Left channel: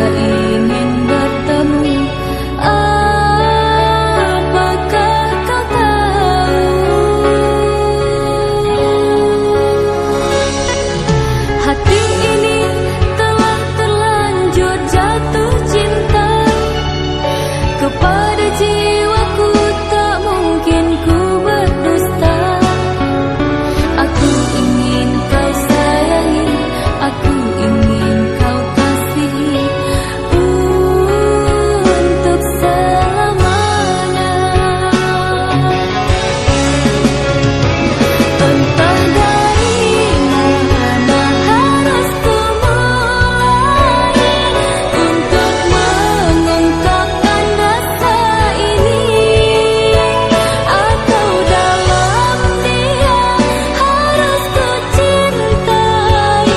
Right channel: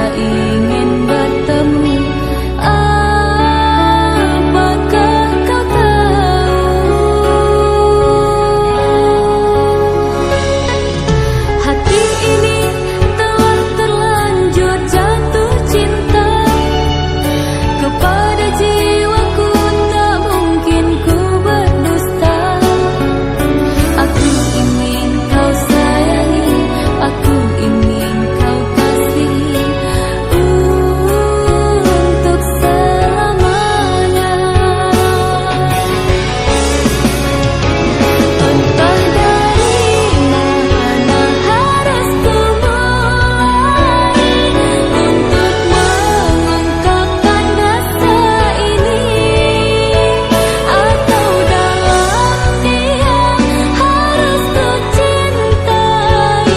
rasa ingin bertemu. Apakah kau tahu, hati ini telah terlanjur jatuh cinta kepada jiwaku, tak mungkin ku berdusta. Aku ingin kau sayangi, aku ingin kau kasihi untuk selamanya. Entah dari mana harus ku mulai untuk mengungkapkan rasa ini, atau dalam diam harus ku cintai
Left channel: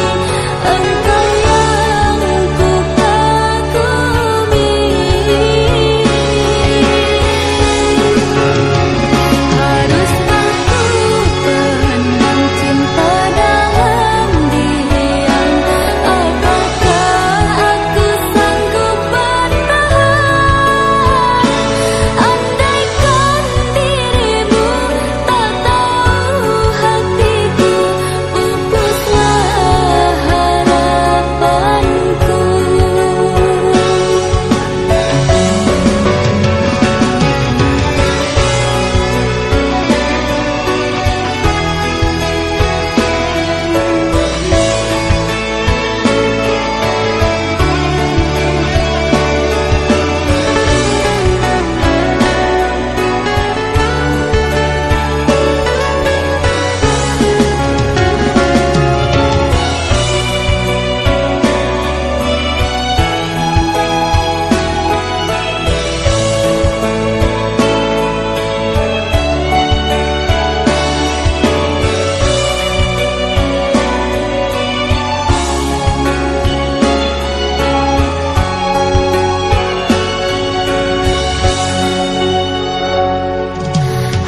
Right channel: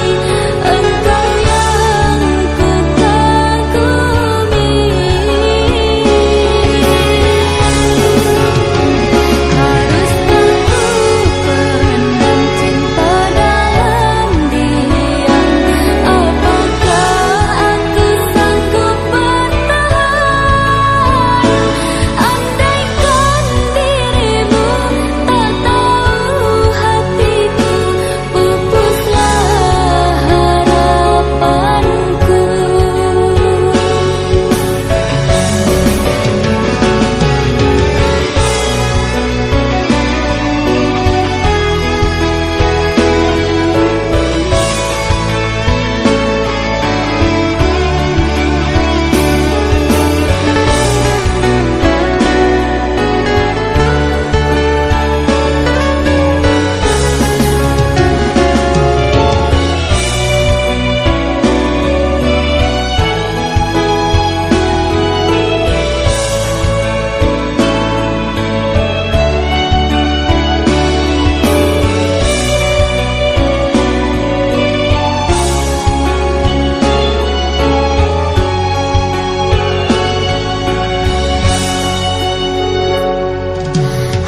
engkau yang ku kagumi. Haruskah ku pendam cinta dalam diam? Apakah aku sanggup bertahan? Andaikan dirimu tak tahu hatiku, pupuslah harapanku.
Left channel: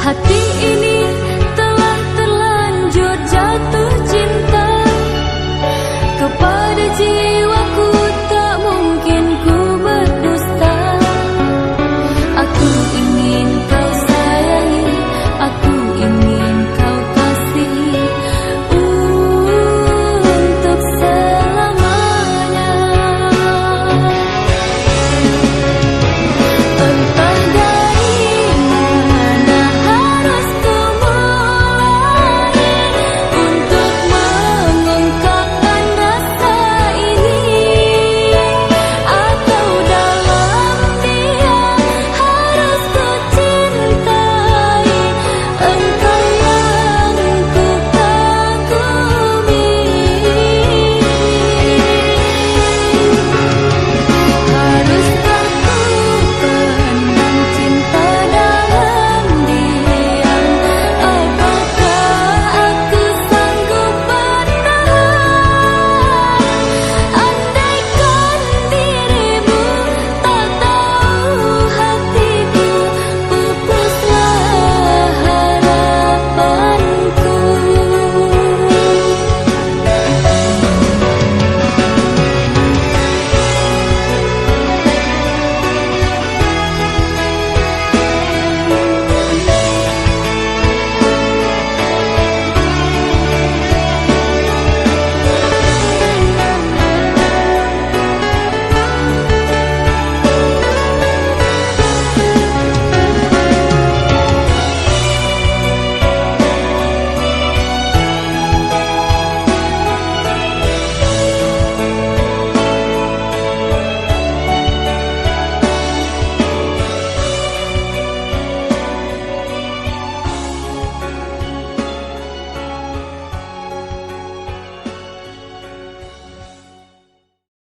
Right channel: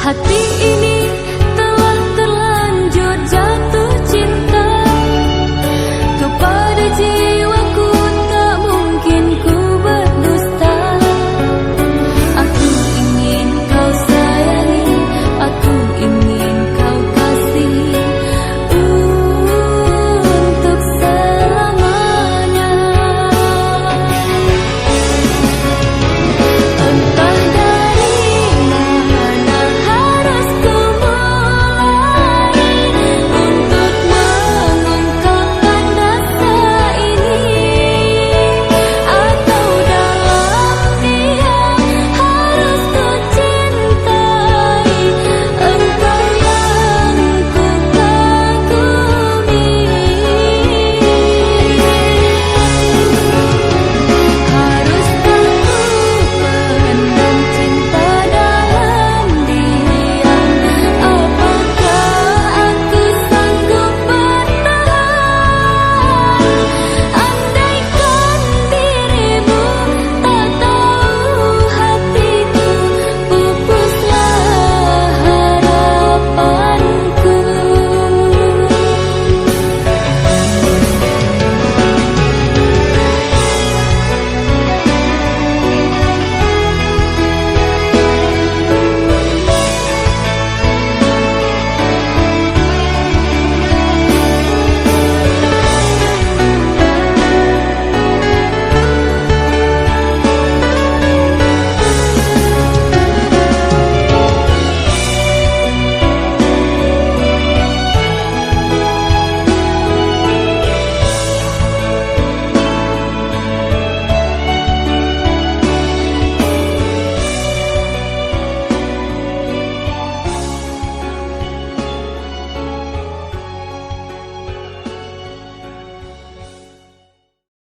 Hati